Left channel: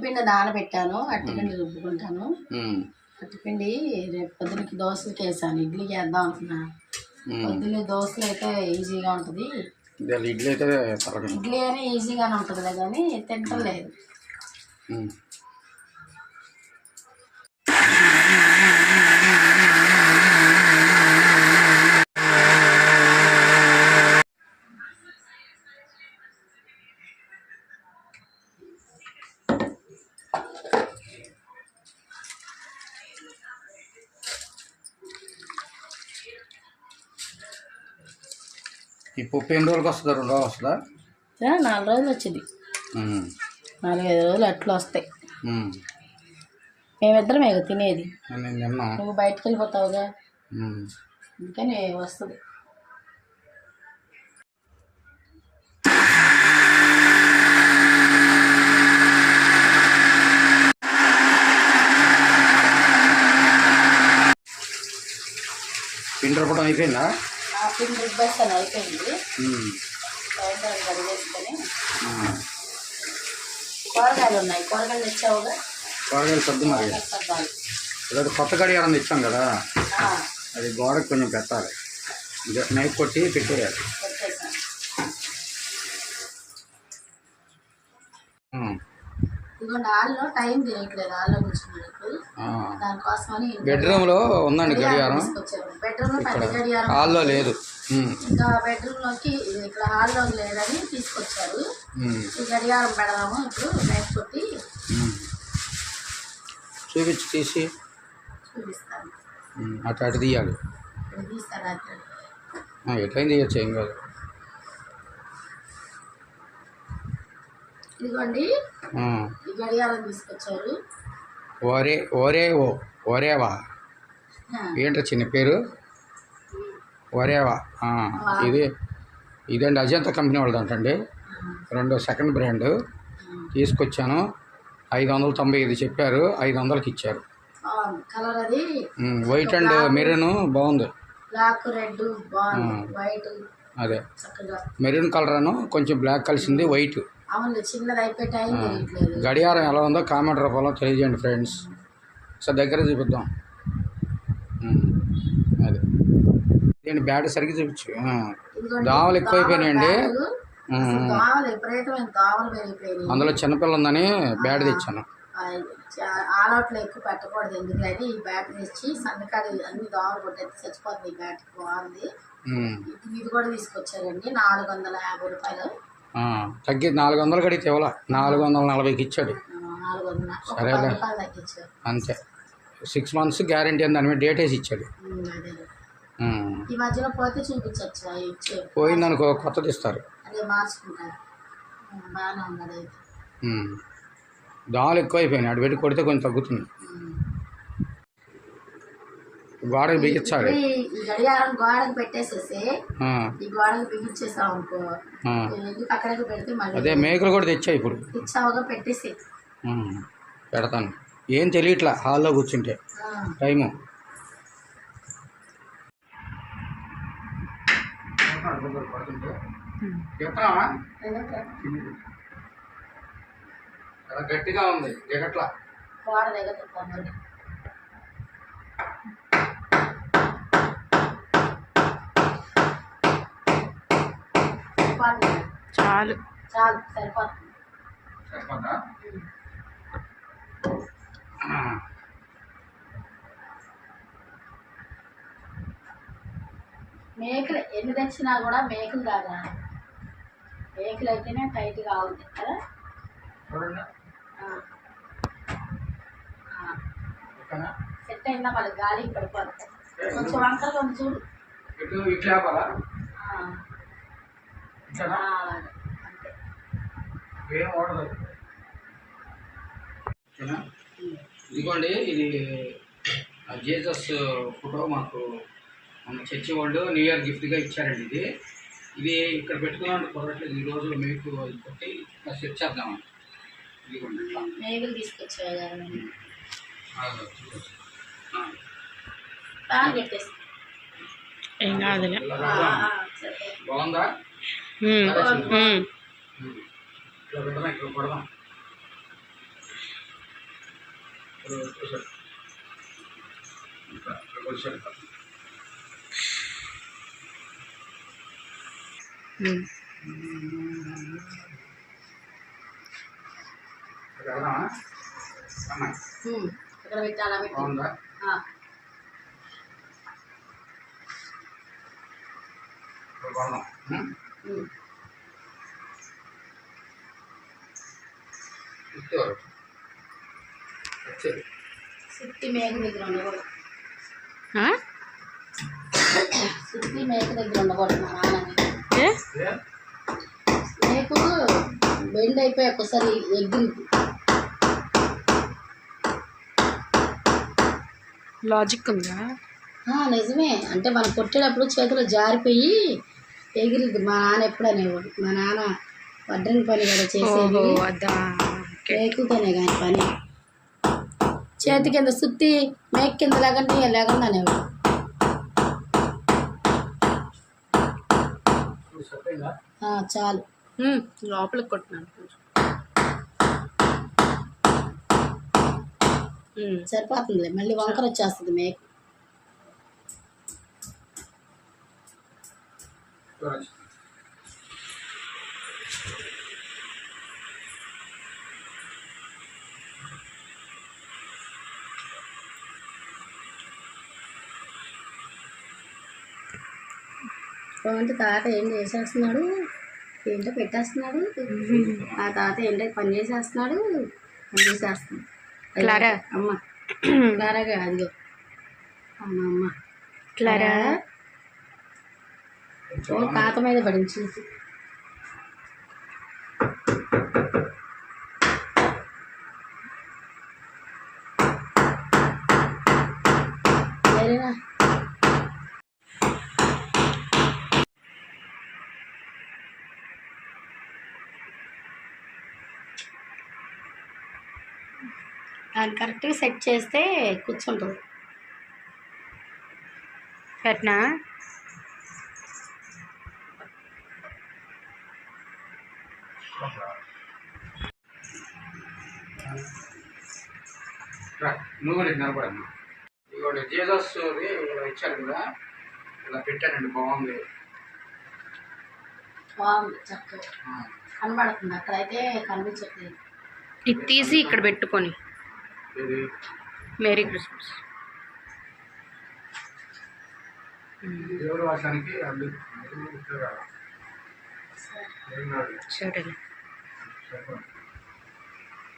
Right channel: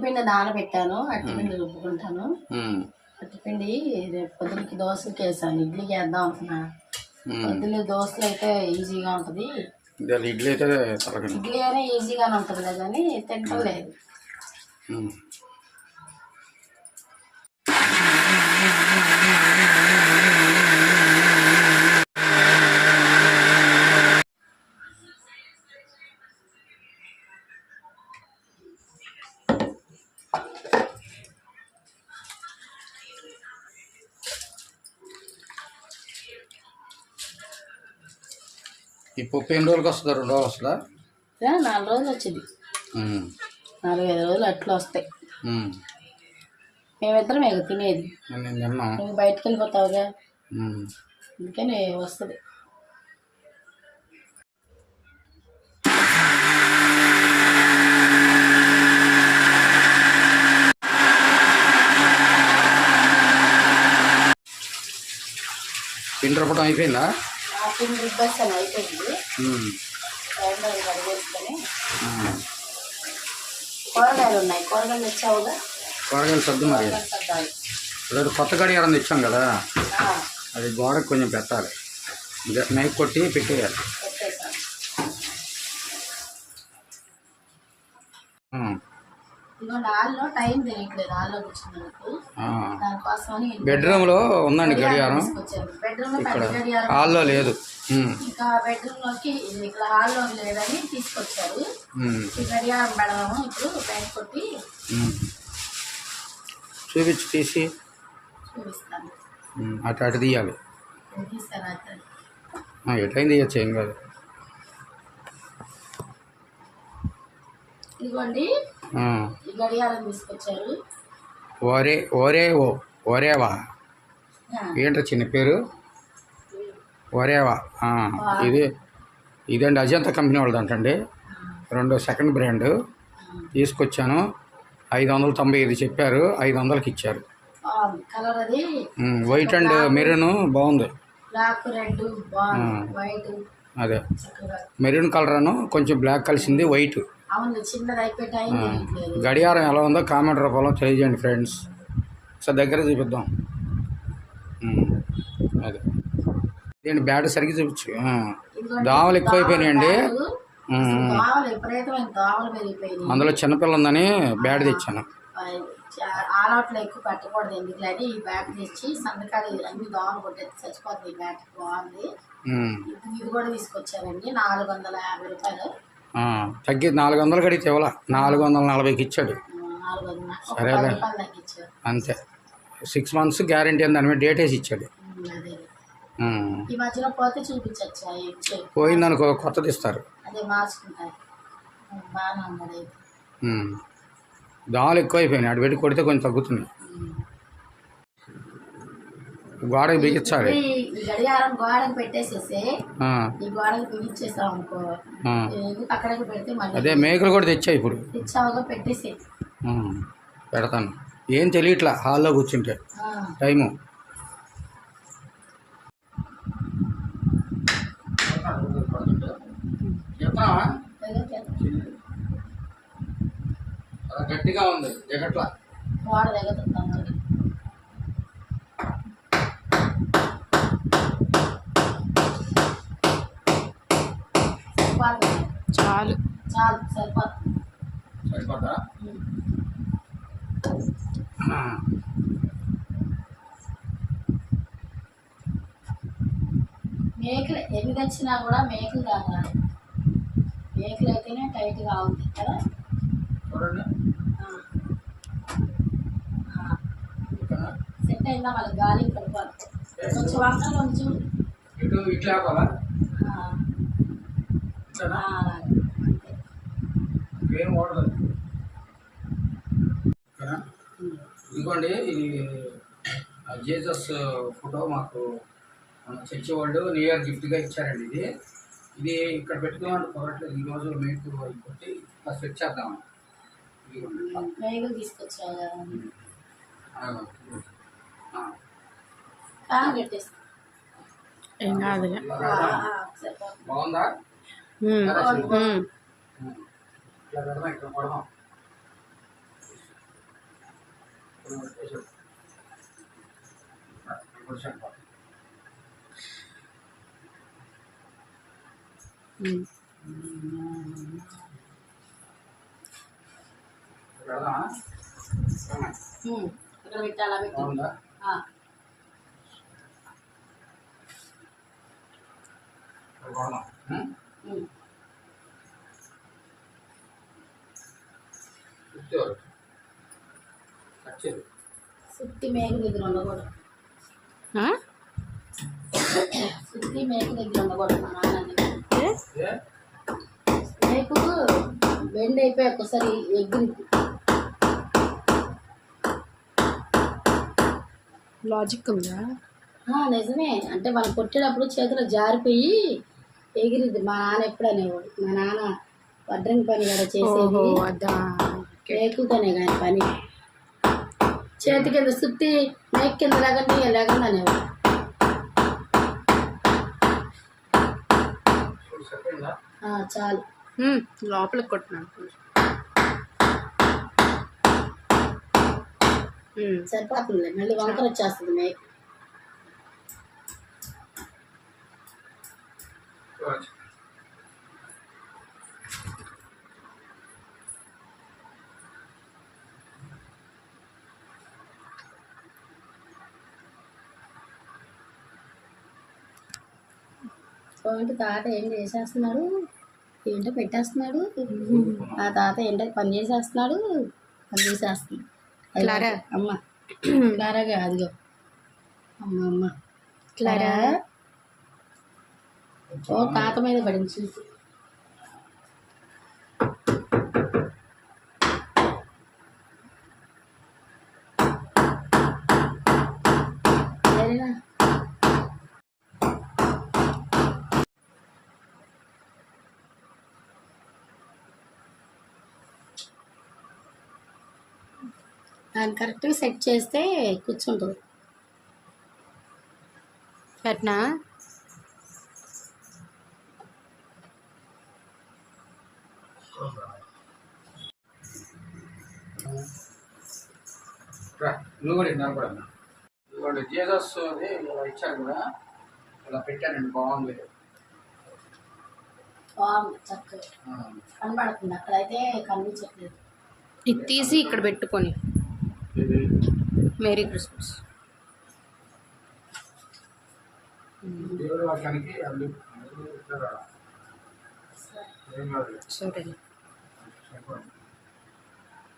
అట్టిపిండి నానబెట్టాను అట్టిపిండి రుబ్బుకుంటాను. అట్టిపిండి రేపు పొద్దునకి దోశలకి వేసాను ఇడ్లీకి వేద్దాం అనుకున్నా. పొద్దున్న దోశలు అయితే ఈజీగా ఉంటుంది. ఇడ్లీ అయితే ఇడ్లీ అయినా ఈజీగానే ఉంటుంది కానీ తింటలేదు పప్పు ఎన్ని రోజులకి వస్తుందా? రెండు రోజులు వస్తుందా? నాలుగు రోజులు వచ్చింది. నాలుగైదు రోజులు అట్లా వస్తాయి. మేమిద్దరం ఇక తినేది. నువ్వు బయటకు వెళ్ళిపోతావుగా? అందుకని వస్తుంది. పిండి అయిపోయిందా? అయిపోయింది. కడిగేసుకొని. కూరగాయలు ఉన్నాయి. కూరగాయలు తెచ్చావుగా? కూరగాయలు సర్దు మరి. అదే కొత్త గడియారం తెచ్చాం కదా. అది గోడకు కొంచెం పెట్టాలి. నైఫ్ కొట్టి పెట్టేయాలి. ఇదిగోండి హాల్లో టైం తెలియట్లేదు హాల్లో కూర్చున్నందుకు ఆ. దానికోసమని బెడ్రూమ్లో ఉందండి గడియారం బెడ్రూమ్లో పెద్ద గడియారం హాల్లో లేదు. ఇంకా బెడ్రూమ్లోకి ఇక్కడ హాల్లో లేదని తీసుకొచ్చారు. ఈ గడియారం పెడదాము ఇప్పుడు బ్యాగ్ కొట్టి. చూపించి తీసి. చూపిస్తాను. అటు అటు తీయాలి. ఎటైనా తీయచ్చు ఏం కాదు. ఇదిగోండి. ఈ గడియారం తీసుకొచ్చారు. ఓరే ఓరే ఓ ఓరేవా? ఏంటో చిన్న పేరు? ఒరేవా ఇది ఇదండి అజంతా కంపెనీ వాళ్ళదంటండి. రెండో సెకండ్ బ్రాండ్. తీసుకొచ్చాను. ఐదు వందల తొంభై ఐదు చెప్పారు. ఐదు వందలకి ఇచ్చారు కలర్ అది. వైట్ అండ్ మెరూన్ బాగుంది. బ్లాక్ రెడ్ వైట్ అదే. మెరూన్ కలర్ అను కొంచెం బ్లాక్ కలిసింది వైట్ అవును చిన్నది అయిపోయి టైం తెలియట్లేదు గడియారం ఎలా ఉందో కామెంట్ రూపంలో తెలియజేయండి ఫ్రెండ్స్. సార్ దగ్గర చూపిద్దాం. అదే. ఇదేంటి బ్యాట్ సరిగ్గా చూపించు. దోమలు ఎక్కువైపోయినాయండి. అందులో చిన్నపిల్ల ఉందని బ్యాట్ తెచ్చాను. ఎక్కువ పెట్టకూడదు ఎందుకులని ఈ బ్యాట్ తెచ్చి అన్ని దోమలు కొట్టేది చచ్చిపోతుంది ఈ బ్యాట్ బాగుంది. ఉమ్, ఇది ఇది కూడా తీసుకొచ్చారండి నాలుగు వందల యాభై రూపాయలు. తగ్గి నాలుగు వందలు కడిగితే ఇవ్వాల నాలుగు వందల నలభైకి ఇచ్చాడు సరేలే. అంతే. సిక్స్ మంత్స్ గ్యారంటీ అని దాని మీద డేట్ వేసి ఇచ్చాడు. పోయిందనుకో కొత్తది ఇస్తారు. ఉమ్. దోమలు ఎక్కువైపోయినాయి. అటు పెట్టి కొడితే కొంచెం తగ్గుతుంది. గోడకి బిగించాలి. గడియారం గోడకు పెట్టేసేసి ఈ గోడకు బిగించేసాం అనుకో అక్కడికి పెడితే మళ్ళీ అదే మేకలు కూడా తెచ్చా ఇప్పుడు? ఇచ్చావుగా పెట్టేసి. పెడతాను. ఏం తెలియట్లా హాల్లో కూర్చుంటే. టైము. చాలా గట్టిగా ఉంది దిగట్లా. గోడ దగ్గర చాలు. చాలు సరిపోతుంది మేకలు ఎన్ని తెచ్చినా కూడా మేకలు కాదా? మేకలు అయితేనే టైట్గా ఉంది కదా? చూడండి? సెట్ అయిందా? మళ్ళీ గాలికి పడిపోతుంది కొంచెం చూడు? ఇటు ఇట్లా ఆపాలా ఆ. అంతేనా ఆ, అలాగే అంతే ఏం వాడదు. ఇదిగోండి ఇది ఆ జీసస్ ఫోటో మాకు మన చర్చి వాళ్ళు న్యూ ఇయర్ గిఫ్ట్గా ఇచ్చారండి ఇది. ఇది ఇక్కడ పెట్టుకున్నామంటే కుదరట్లేదు. ఈరోజు మీకు అది కొట్టి సెట్ చేద్దామని ఇదిగోండి. ఏం కాదులే. బాగుందా. ఇలా పెడదాం ఇక్కడ కొడదాం ఇప్పుడు వచ్చేసాడు. ఇంకా ఇక్కడికి వచ్చాడు కాదు. ఉమ్. ఇక్కడ పెడదామా అమ్మాయి ఉమ్. ఇక్కడ పెట్టి అలా పెట్టి బాగుందా ఆ, ఇక్కడ కొడదాం సుత్తి మేక దగ్గర ఉండకూడదు ఆ? సుత్తి మేక దగ్గర ఉండకూడదు మా నాన్నని? మేకు బెండ్ అయిపోయి ఒకసారి ఎగ్గిరిద్ది లాజిక్ ఉందా నిజమే అంటే మనం కొట్టేటప్పుడు చేతిలో జారిపోయి ఎగిరిద్ది మా నాన్న ఎప్పుడు అనేవాడు మా నాన్న వడ్రంగి పని కూడా చేసేది మేకుతోనే కానీ పని చేతి కింద సుత్తి మేక కింద లేకుండా అనేవాడు సరిపోయిందా ఆ, చాలు లోపలికి కొట్టినాను సరిపోతుంది మళ్ళీ వంకర వచ్చేస్తుంది మేక ఏంటి తాత ఏం చేసేస్తున్నాడు? ఏంటో పెట్టేస్తున్నాడు. ఆ తాత ఏంటో పని చేసేస్తున్నాడు. పని చేసేస్తున్నాడు. క్లారా. అమ్మ. క్లారాగా అదిగో. అమ్మ అమ్మ. క్లారా? ఓ తాత మీద పడింది దాన్ని కరెక్ట్గా సెట్ చేస్తే కూర్చుంటుంది. పెట్టనా రా, నువ్వు కూడా నిలబడమ్మా. ఇవాడు జీసస్ ఇలా ఇచ్చారు కదా ఇలా పెట్టానండి బాగుంది. బాగుంది చక్కగా. కనబడుతుంది అక్కడైతే కనిపించట్లేదు. ఇది తీసి ఇక్కడ పెట్టుకొని. Merry Christmas. సరిపోయింది.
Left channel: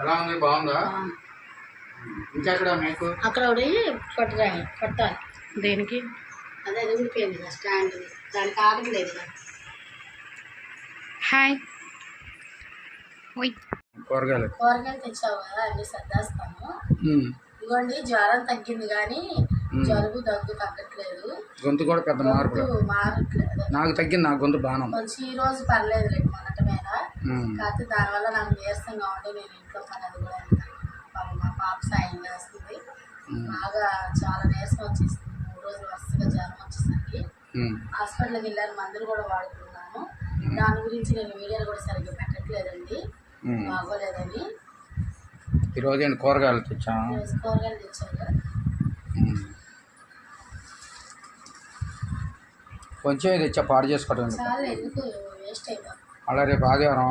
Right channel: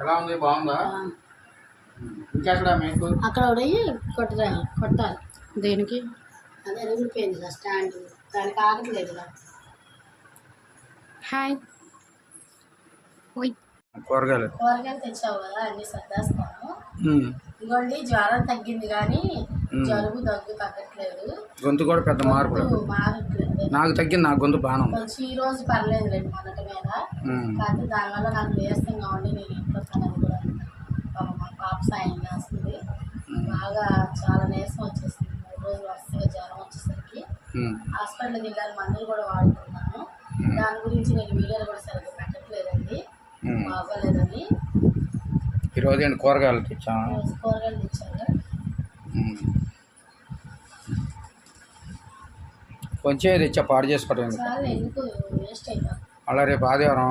ఎలా ఉంది? బాగుందా? బాగుంది. ఇంకెక్కడ మీకు? అక్కడ ఒకటి కొట్టరాలి కొట్టాలి. దేనికి? అదే అది ఊడిపోయింది కదా స్టాండ్ దానికి ఆగట్లేదు కదా. హాయ్. ఓయ్. కూరగాయలు. కూరగాయలు తెచ్చావు కదా అన్ని సర్దేస్తాను. ఇదిగోండి జ్వరం తగ్గింది కానీ. జలుబు దగ్గు తగ్గట్లేదు. గొంతు కూడా పెద్ద మార్పు మారట్లేదు. నాకు తగ్గింది నా గొంతు ఉంది. కొంచెం ఈ రోజు పర్లేదు లేదు మొన్నటి మీద. కాకపోతే దానివల్ల నాకు నీరసంగా ఉండి నేను ఇంట్లో పని అది కూడా పాపం మా పాప సాయం చేస్తుంది. బాగా చాలా నీరసం వచ్చేసింది. మూడు రోజులు వరుసగా జ్వరం వచ్చేసరికి. హాస్పిటల్కి వెళ్ళాను మందులు కూడా వాడుతున్నాను. దాని గురించి నేను వీడియోలు కూడా సరిగ్గా పెట్టట్లేదండి. బాగోలేదని. ఈరోజు ఏంటి కూరగాయలు ఉమ్. కొంచెం తెచ్చా పాడు చేసుకోవడం అలా రేపు ఆదివారం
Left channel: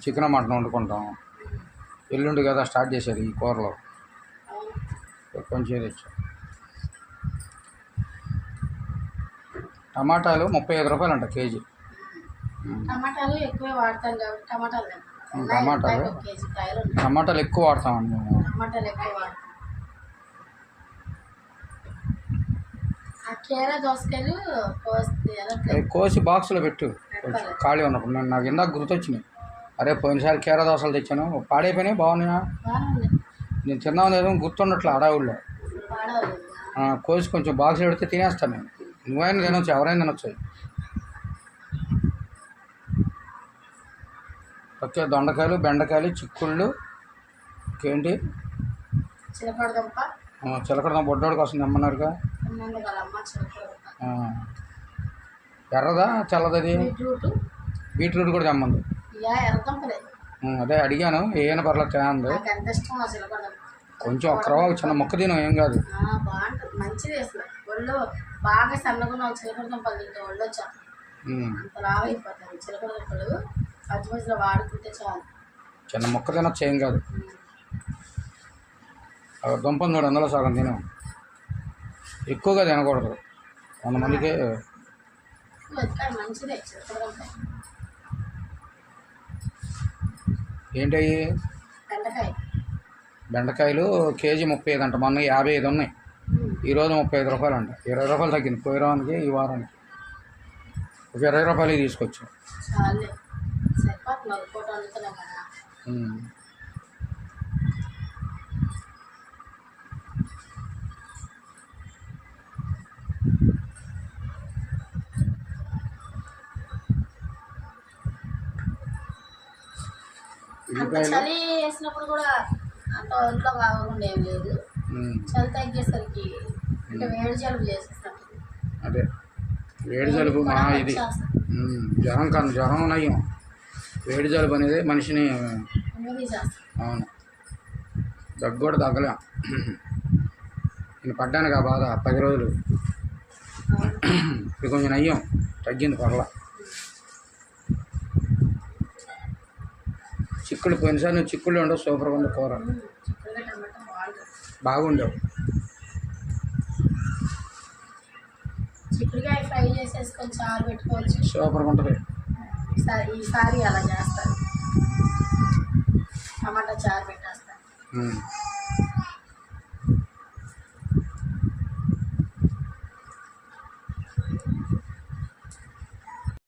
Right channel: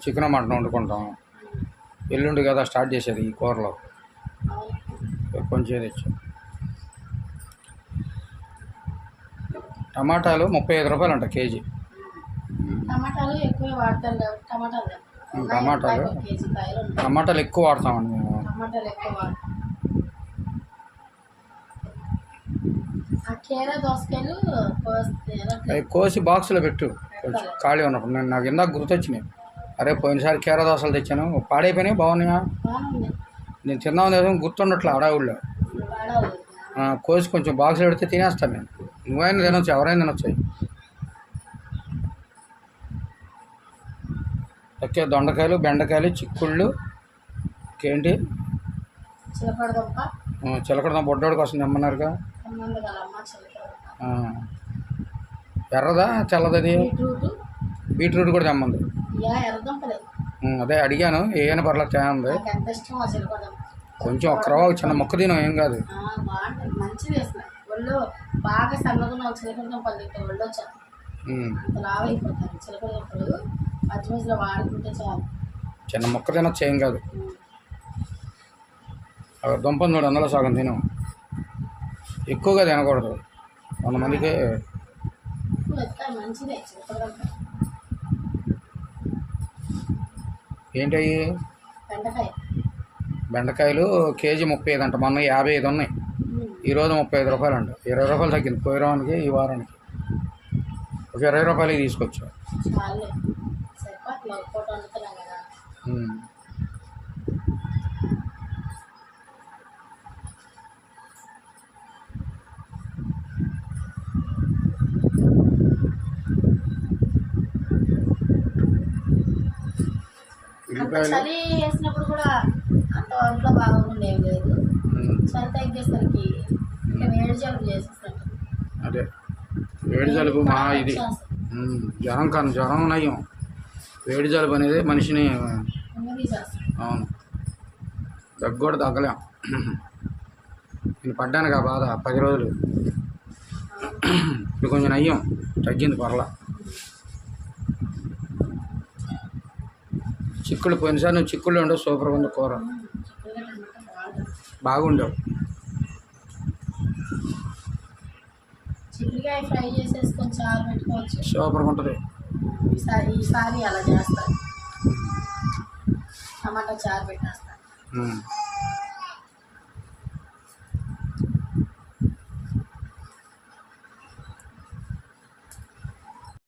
చికెన్ మటన్ వండుకుంటాం. ఎల్లుండి కదా స్టార్ట్ చేసేది ఈ కూరలో. కొంచెం తెచ్చా టమాటాలు ముప్పై ఐదు రూపాయలు అంట కేజీ. టమాటాలు ఎక్కువే వాడతాం కాబట్టి టమాటాలు టమాటాలు? టమాటాలు ఎక్కువ వాడతామండి మేము. టమాటాలు ఎక్కువ వాడతాం అవి కోసి బాక్స్లో పెట్టు. కొంచెం ఖాళీ ఉన్నప్పుడు. నేను నాకు ఇందాక గుర్తొచ్చినాయి. అరే పోయినసారి కీర దోశలు తెచ్చాను. పాడైపోయినాయి? బాగున్నాయా? నేను తిన్నాం లేదో గుర్తుండట్లే అడవుల్లో కోసి కొంచెం బాక్స్లో పెడితే తినేస్తాను నేను. నువ్వైనా తినొచ్చు ఎవరైనా తినొచ్చు అవి. ఓకే దొండకాయలు బెండకాయలు చిక్కుళ్ళు ఇంకేంటి? చిలకడ దుంప ఆ, చిలకడ బొడ్డోడి కోసం తెమ్మన్నారుగా? అన్నంది కలమ్మ చిలకడ దుంప ఆ. ఎర్రదా తెల్లదది బీట్రూట్. కూడా తెమ్మంది. అదే అడిగాను ఏమైనా పర్లేదు దుంప కొంచెం ఒక్క రవ్వ చిన్న మొక్క తినం ఏం కాదు. మంచిది ఒళ్ళు బాగా సన్నగున్న చిలకడ దుంపలు తింటే ఒళ్ళు వచ్చా. అంత చిలకడ దుంపలు మధ్య మధ్యలో వాడుకుంటే చాలు. చిన్న మొక్క తినొచ్చు ఏం కాదు. దుంపను చూడు అందులో సగం తిను. ఎక్కువగా తినకూడదు. వంద మందికి. మంచిదే దుంప ఏంటయ్యి బెండకాయ. బెండకాయలు కేజీ ముప్పై ఐదు అంట మొన్న యాభై ఐదు ఉన్నాయి. ఈరోజు ముప్పై ఐదు రూపాయలు అంట. ఇరవై రూపాయలు తగ్గింది పోయి వారానికి ఈ వారానికి. ఒక ఇరవై రూపాయలకి తీసుకొచ్చా చాలే సరిపోతుంది ఒక పూట వండుతున్నాం కదా ఉం. అంత ఉల్లిపాయలు చలి వేసినప్పుడు కూడా అంత ఒంట్లో బాగుండేం లేదు. ఉం. చలి తగ్గేసరికి అంటే వేడి జలుబు చేసేసినట్టు అదే. వేడి జలుబు మా ఇది. జ్వరం కన్నా జ్వరం నయ్యం వేడి జలుబు అనేది మనిషిని అవును. దగ్గు కూడా తగ్గలేం. నేను పడ్డాను ఆ బాధ పది రోజులు. ఇప్పుడు కొంచెం నయ్యం. తగ్గింది పర్లా. చిక్కుడు పోయినసారి నువ్వు చిక్కుళ్ళు ఉండవు సూపర్గా ఉంది కూర. బాగుండవు. చిక్కుడుకాయ ఫ్రై చేసేసుకొని చారు పెట్టుకోవచ్చు. సూపర్గా ఉంటుంది. ఈసారి అలా టమాటా చారు పెట్టేస్తాను.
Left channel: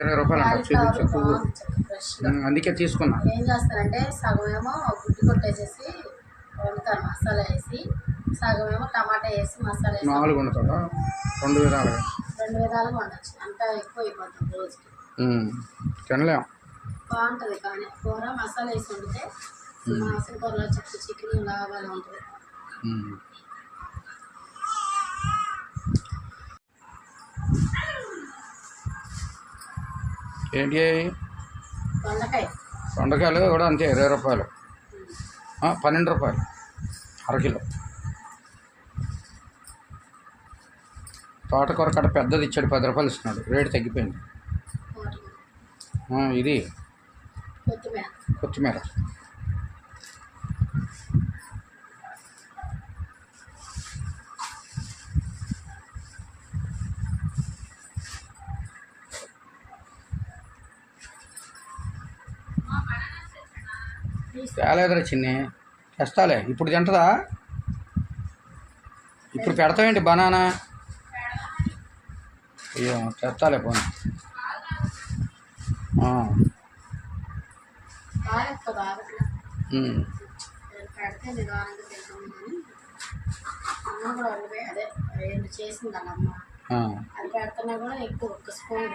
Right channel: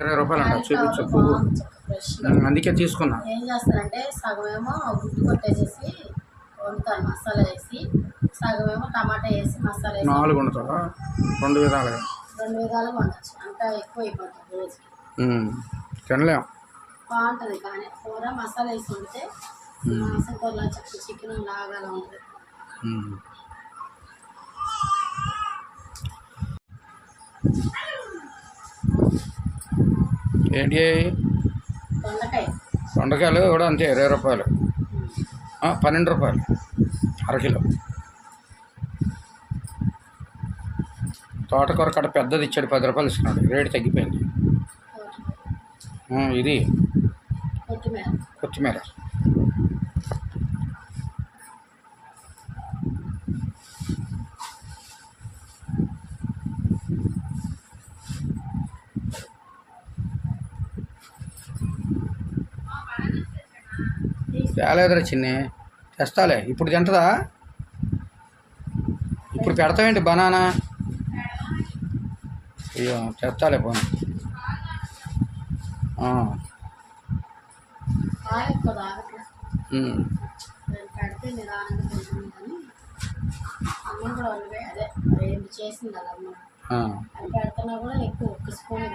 ఇరవై రూపాయలు అంట చూపించు పువ్వు. అందుకే తీసుకున్నా. ఏం చేస్తానంటే సగం ఏమో గుడ్డు కొట్టేసేసి వండుతాను మసాలా వేసి. సగం ఏమో టమాటా వేసి మసాలా వేసి. నాలుగు వండుతావా? రెండు విధాలుగా. రెండు విధాలుగా వండొచ్చు. అంత ఎక్కువ అయిపోతుంది రోజుకి. ఉం. తినలేం. బాగుంటుంది కానీ కూర మసాలా వేసి వండితే మాసం కూరలో చెక్క చికెన్ లాగా అలా ఉంటుంది. ఉం. ఏంటి? దొండకాయ. దొండకాయలు కూడా అంతే ఇరవై రూపాయలు. పన్నెండు రూపాయలు అరకిలో తోటకూర కట్ట పెద్దది ఇచ్చాడు పది రూపాయలు ఇస్తున్నాడు. రేటు తగ్గిపోయింది. ఇది కొత్తిమీర కొత్తిమీర తేలేదురా చిన్ని. తెస్తాలే. ఇప్పుడు తింటదా? ఇప్పుడు పెడతావేంటి బనానా? అయ్యో తెస్తాలే పోనీ. అన్నం కూడా వండిపోయి అదే రెండు చేసింది అలా అమ్మ అది పెడుతున్నా కూడా ఎక్కువ ఒక్క స్పూన్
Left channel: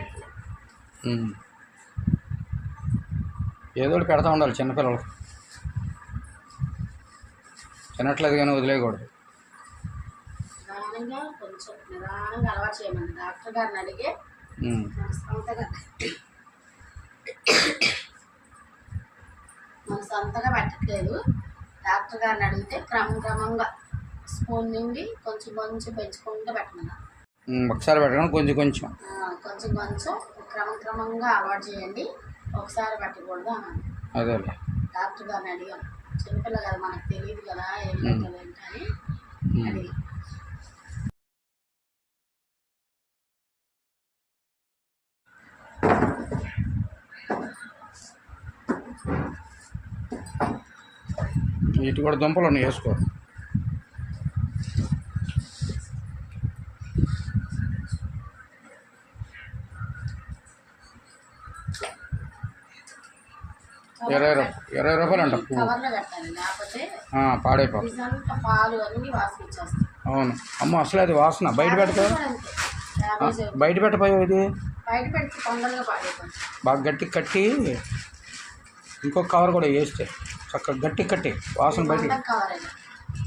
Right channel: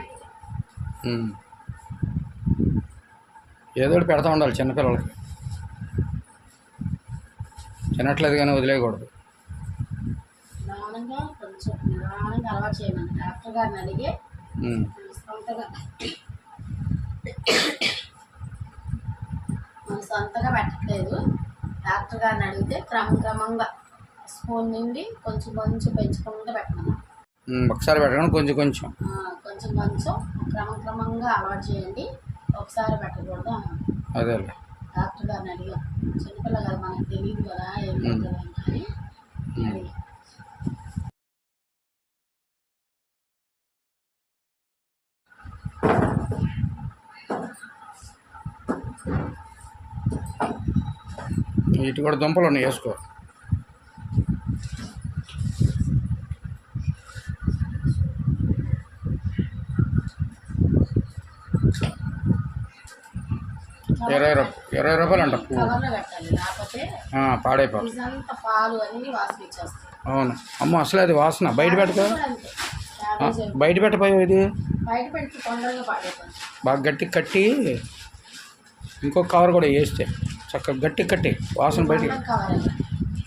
ఏదో ఒకటి పెడతా ఉండాలి చిన్నపిల్లలకి. తినట్లేదు కానీ వదిలేయకూడదు. నిదానంగా కొంచెం నిదానంగా అలవాటు చేయమని. డాక్టర్ గారిని అడిగి సొంతగా మన సొంతగా పెట్టట్లేదు. డాక్టర్ గారిని అడిగితే క్రమం క్రమంగా స్పూన్ నుండి కొంచెం కొంచెం పెంచుకుంటూ పెట్టమన్నా ఒకసారి పెట్టడం కొంచెం కొంచెం. కొంచెం కొంచెం క్రమం క్రమంగా అలవాటు చేయండి. ఒకసారి పెట్టకూడదు అదేలే. డాక్టర్ గారిని అడిగాం. చిన్నపిల్ల కదా మనకు తెలియదు కదా ఏం ఏంటని ఉమ్. అడిగాం. ఇటు కూడా దుంపలు ఉన్నాయి వేసుకో. ఇరవై రూపాయలు ఇరవై రూపాయలు అంట. పువ్వు పాడైపోతుంది. పాలు అన్ని అవును. అమ్మ అసలు అది వాసన. బయట పెడతా బయట పెట్టపోయావు ఇది? బాగా గట్టి కట్టి ఇంకో కవర్ కూడా వేస్తే చక్కగా గట్టి కట్టి వాసన బయట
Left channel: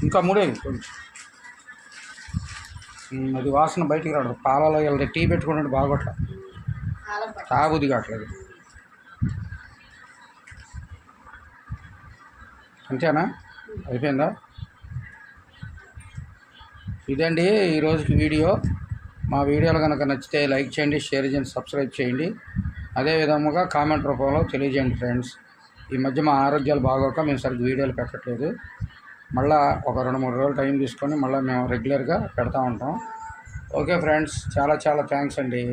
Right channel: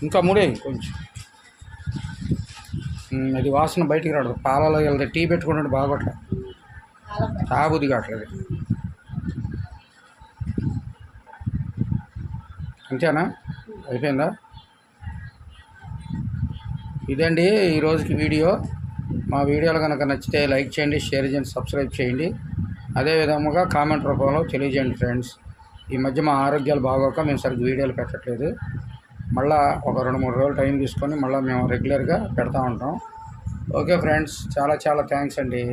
ఇంకా మూడే కొంచెం. అది వాసన బయటికి రాదు పాలలో వెళ్తే టీ పెట్టుకుంటే బాగోట్ల. పాలకు పట్టు తాబుది కావట్లేదు. అంతేనా? అయిపోయిందా? ఇదండి ఈ రోజుకి వీడియో. మా వీడియోలు కనుక నచ్చితే లైక్ చేయండి షేర్ చేయండి సబ్స్క్రైబ్ చేయండి. అదే విధముగా కామెంట్ రూపంలో తెలియజేయండి ఫ్రెండ్స్. ఈ మధ్య మా ఆరోగ్యాలు బాగోక మేము సరిగ్గా వీడియోలు పెట్టట్లేదు. మళ్ళా ఒక రెండు మూడు రోజులు టైం తీసుకొని మళ్ళీ మేము రెగ్యులర్గా పెడతా ఉంటాం. ఓకే ఫ్రెండ్స్ చాలా చాలా థ్యాంక్స్ అండి.